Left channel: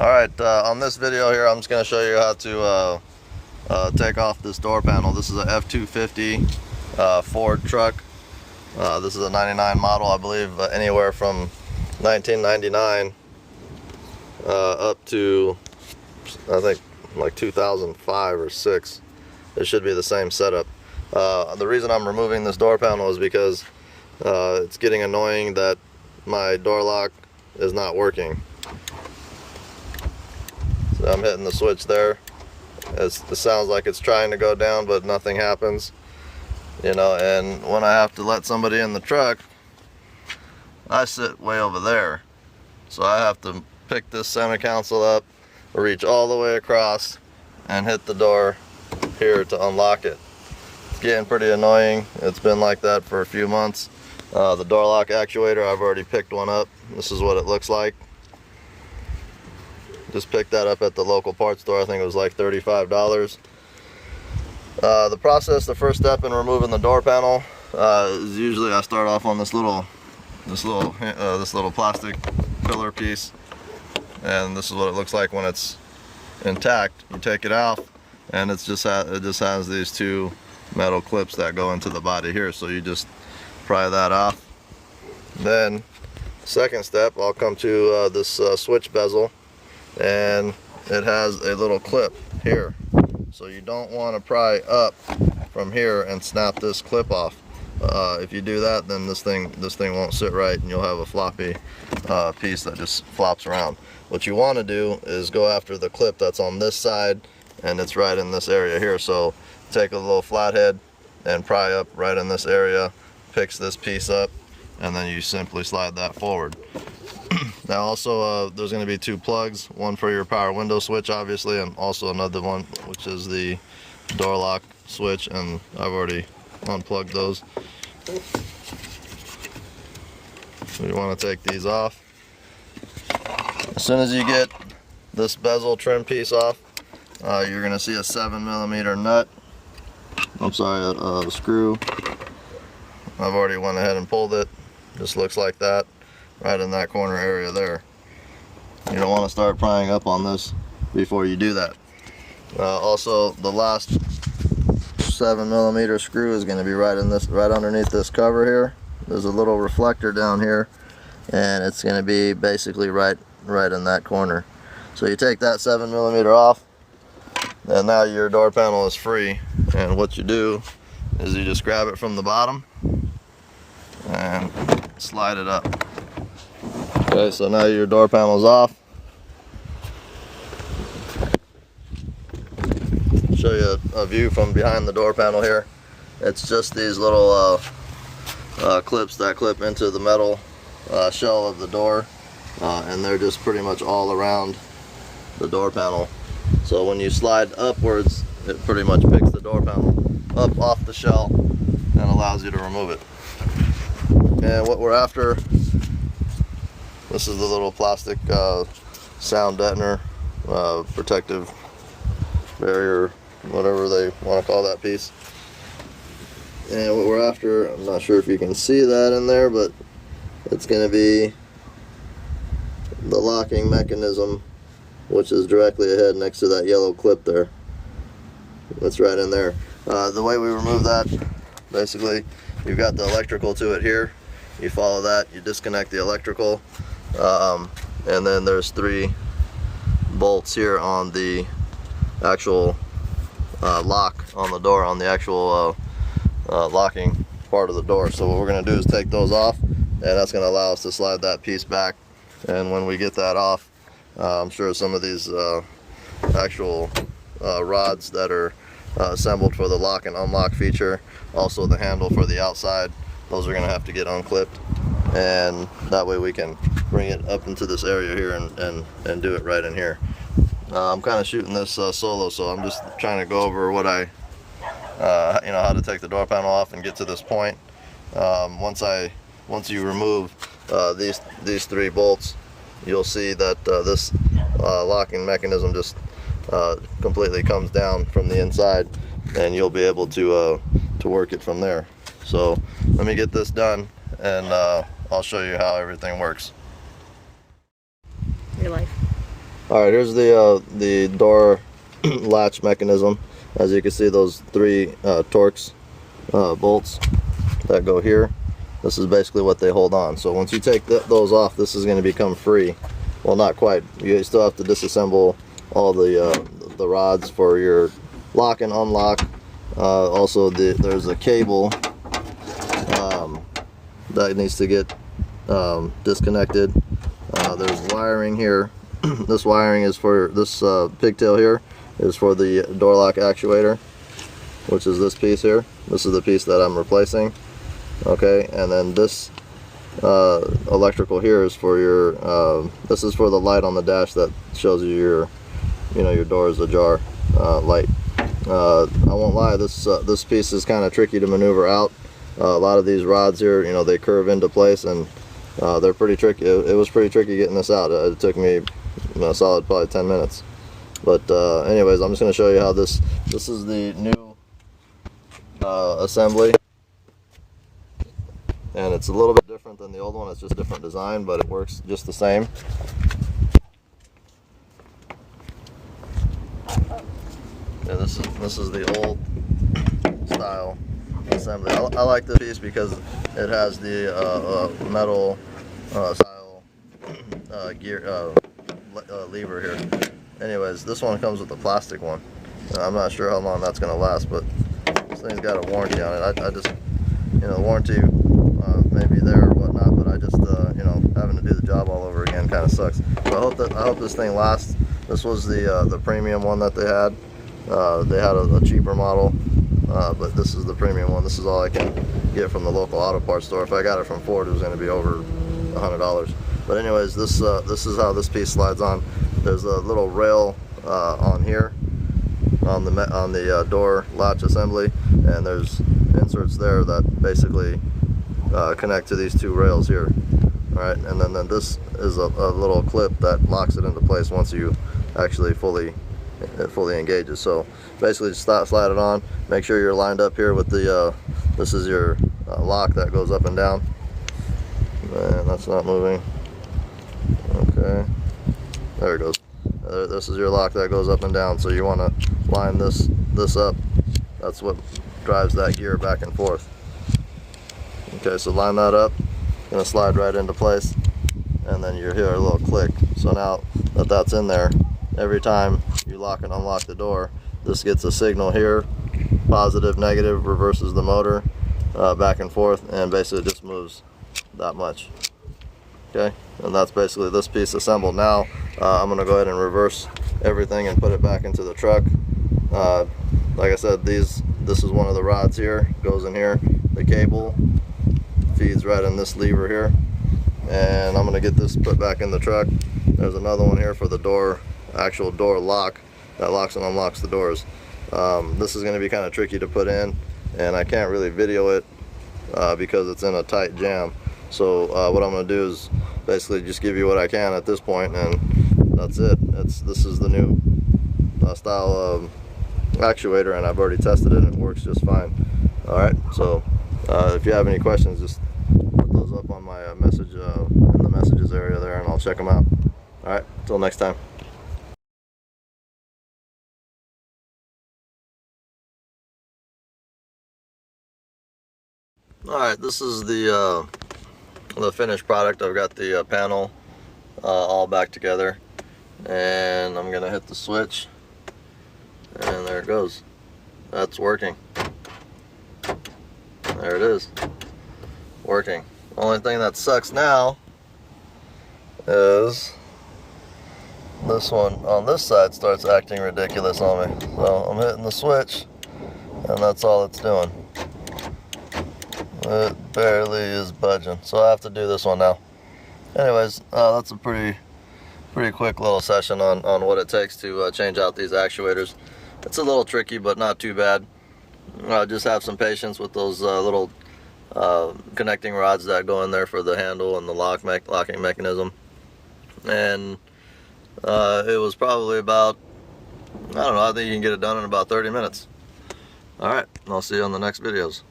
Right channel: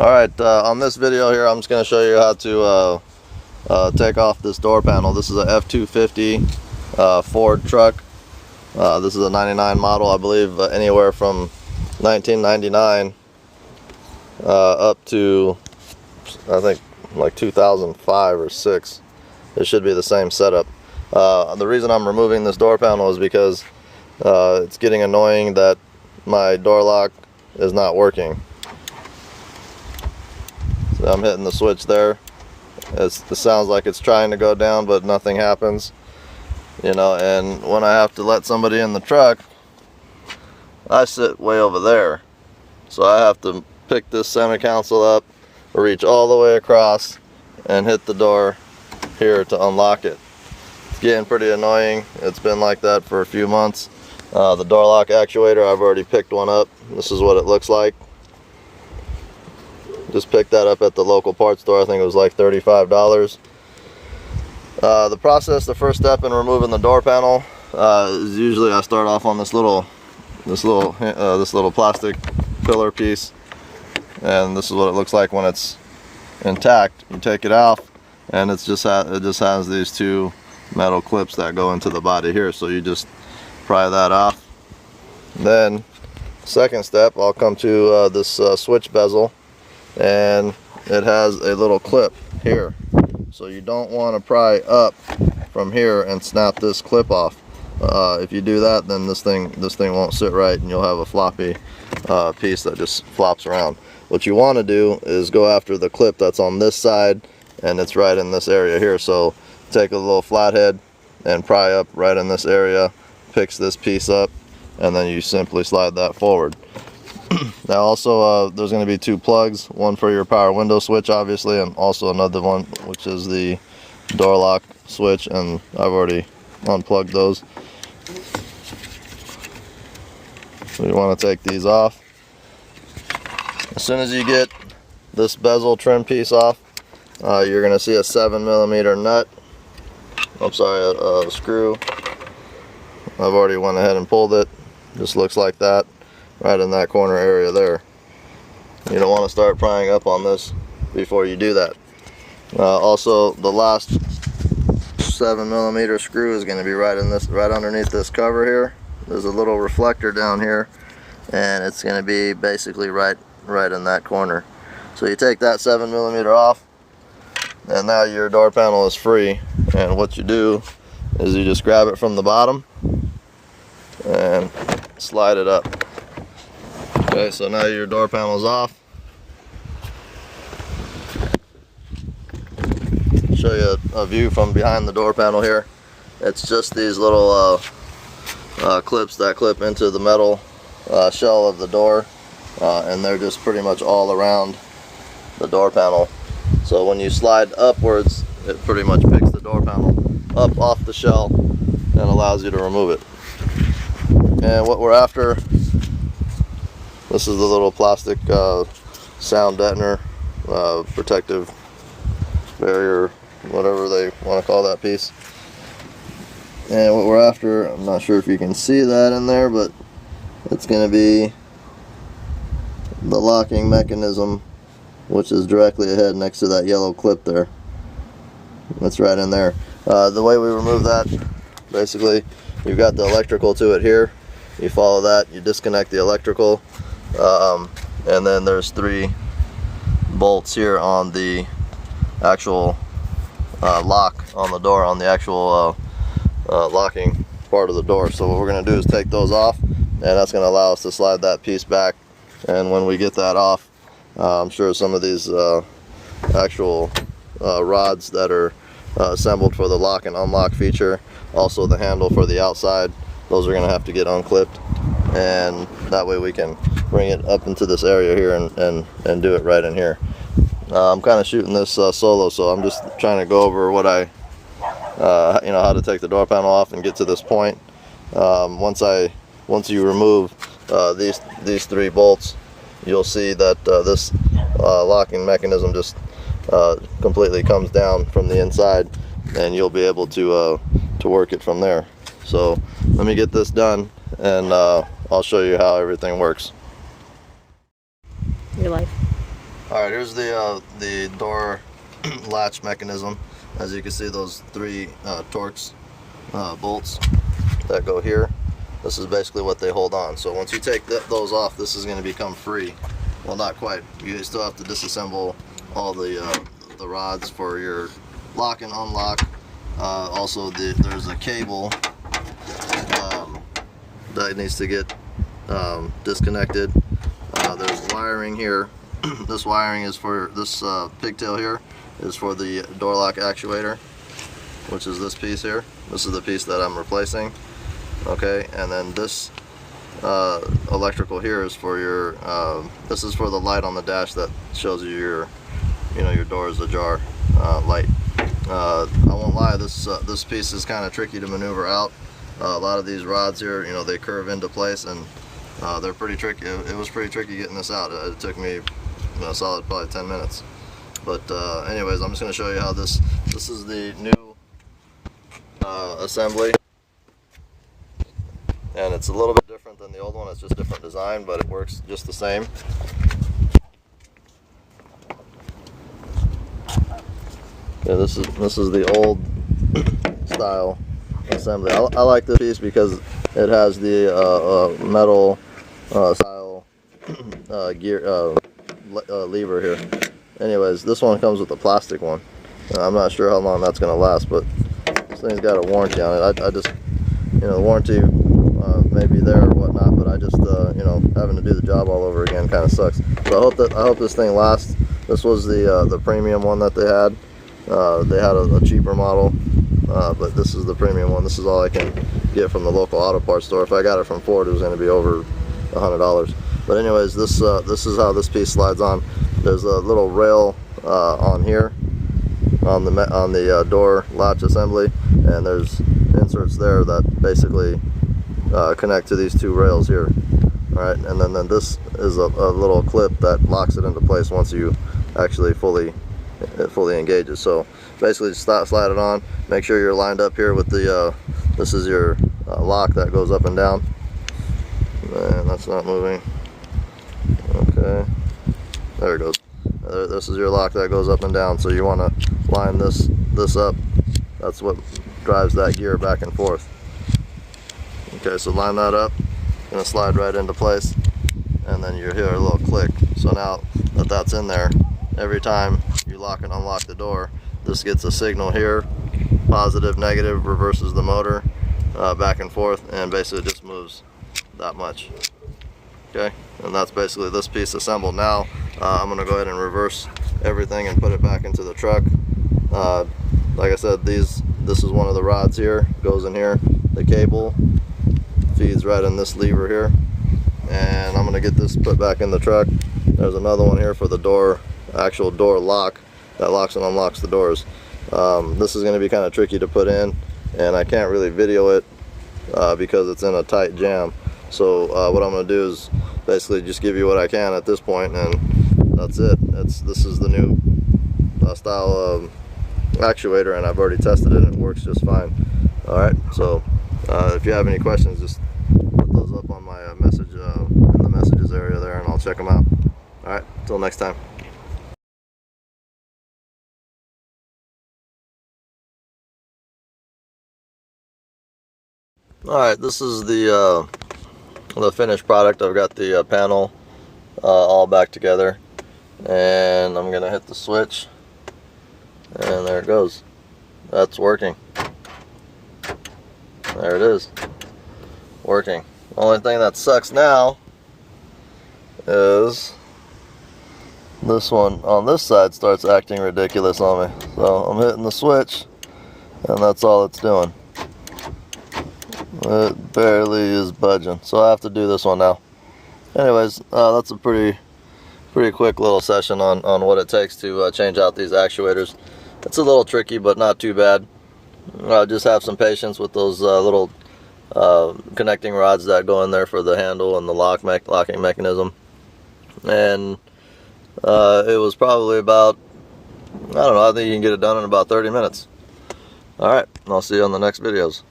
Alright, on this video here I'm just going to show you how to take off this door panel. This is a F-250 Ford truck. This is a 99 model, I believe, anywhere from 1999 up to, I think, like 2005 or 6. It should be the same setup. The reason I'm removing this door panel is because it's getting annoying that my door lock is not working. So I'm hitting the switch there. It sounds like it's trying to go down, but nothing happens. You know, and when I have to let somebody in the truck, I sit way over there. So I have to pick this center console up, reach all the way across, and hit the door here to unlock it. It's getting pretty annoying. It's been like that for a few months. The door lock actuator, I've already picked one up. This is what it looks like. Just picked that up at the local parts store. I think it was like $35. The process, the first step in removing the door panel is usually I start off on this little plastic pillar piece, and this is what it looks like when it's intact. You take it out, and it just has these two metal clips that go into the body here. So you just pry that off. Then, second step, I'll come to this switch bezel. And it has a little clip here, so you don't want to pry up from here and snap this clip off. If you do that, then this thing won't sit right, and you'll have a floppy piece that just flops around. What you want to do is go after the clip that's on this side, and it's right in this area here. So take a little flathead and pry up right in this area, picks this piece up, and then you simply slide that forward. Now also there's going to be two plugs, one for your power window switch obviously, and also another one which is the door lock switch, and I've already unplugged those. So you want to take these off. As soon as you get this bezel trim piece off, you're going to see a 7mm nut. I'm sorry, a screw. I've already went ahead and pulled it. Just looks like that. Right in that corner area there. You don't want to start prying up on this before you do that. Also, the last 7mm screw is going to be right underneath this cover here. There's a little reflector down here, and it's going to be basically right in that corner. So you take that 7mm off, and now your door panel is free. And what you do is you just grab it from the bottom and slide it up. Okay, so now your door panel is off. Show you a view from behind the door panel here. It's just these little clips that clip into the metal shell of the door, and they're just pretty much all around the door panel. So when you slide upwards, it pretty much picks the door panel up off the shell and allows you to remove it. And what we're after, this is the little plastic sound deadener, protective barrier, whatever they want to call that piece. And what we're after, I'm not sure if you can see that in there, but it's going to be the locking mechanism, which is directly ahead next to that yellow clip there. That's right in there. The way we remove that, basically, you've got the electrical to it here. You follow that, you disconnect the electrical, and then there's 3 bolts here on the actual lock on the door, on the actual locking part of the door. So what we're going to do is take those off, and that's going to allow us to slide that piece back. And when we get that off, I'm sure some of these actual rods that are assembled for the lock and unlock feature, also the handle for the outside, those are going to have to get unclipped, and that way we can bring it up into this area here and do it right in here. I'm kind of shooting this solo, so I'm just trying to go over what how to take the door panel off and get to this point. Once you remove these 3 bolts, you'll see that this locking mechanism just completely comes down from the inside, and you'll be able to work it from there. So let me get this done, and I'll show you how everything works. Your life. Alright, here's the door latch mechanism. As you can see, those three Torx bolts that go here, this is basically what they hold on. So once you take those off, this is going to become free. Well, not quite. You still have to disassemble all the rods for your lock and unlock. Also, there's a cable that needs to get disconnected. There's wiring here. This wiring is for this pigtail here is for the door lock actuator, which is this piece here. This is the piece that I'm replacing. Okay, and then this electrical here is for your this is for the light on the dash that shows you your door is ajar light. I won't lie, this piece is kind of tricky to maneuver out. A lot of these rods here, they curve into place, and they're pretty tricky. It was pretty tricky getting this out. It took me a solid probably 10 minutes. But anyways, I'm just going to show you how this is the new assembly. And it's a little bit different than the old one. It's just a different design, but it works just the same. Yeah, this is the old style assembly. I like this piece because it has the metal style gear lever here. Anyways, this one comes with a plastic one. I'm not sure how long that's going to last, but this thing's got a warranty on it. I just, the warranty may be there or whatnot, but I just, having to do the job all over again kind of sucks. So I hope this thing lasts. This was the premium one that they had. They had a cheaper model, but this is the premium one. This is all I can get from the local auto parts store. If I got it from Ford, it was going to be over $100. But anyways, this is how this piece slides on. There's a little rail on here on the door latch assembly, and there's inserts there that basically connect to these two rails here. All right, and then this is a little clip that locks it into place once you actually fully engages. So basically, just slide it on. Make sure you're lined up here with the this is your lock that goes up and down. And that's not moving. Okay, there it goes. This is your lock that goes up and down. So you want to line this up. That's what drives that gear back and forth. Okay, so line that up. Gonna slide right into place, and then you hear a little click. So now that that's in there, every time you lock and unlock the door, this gets a signal here, positive, negative, reverses the motor back and forth, and basically just moves that much. Okay, and that's basically this piece assembled. Now I'm going to go ahead and reverse everything and put it back into the truck. Like I said, this is one of the rods here, goes in here. The cable feeds right in this lever here, and I'm going to get this put back in the truck. There's another one here for the actual door lock that locks and unlocks the doors. This is going to be kind of tricky to put in, and I can't really video it because it's in a tight jam. So what I'm going to do is basically just give you what I can at this point, and that's it. This is the new style of actuator, and I've already tested it and it works just fine. Alright, so if you have any questions, just put those up on my message in the messages area there, and I'll check them out. Alright, till next time. Alright, this is the finished product. I've got the panel all back together, and I'm gonna hit the switch, and there it goes. That's working. There it is, working. The only thing that sucks now is this one on this side starts acting ridiculous on me. So I'm hitting the switch, and that's all it's doing. It barely is budging, so I have to do this one now. Anyways, that's a pretty quick little session on what it takes to change out these actuators. It's a little tricky, but not too bad. Just have some patience with those little connecting rods that go in there for the handle and the locking mechanism. And it was probably about, I don't know, I think you can get it done in about 30 minutes. Alright, I'll see you on the next videos.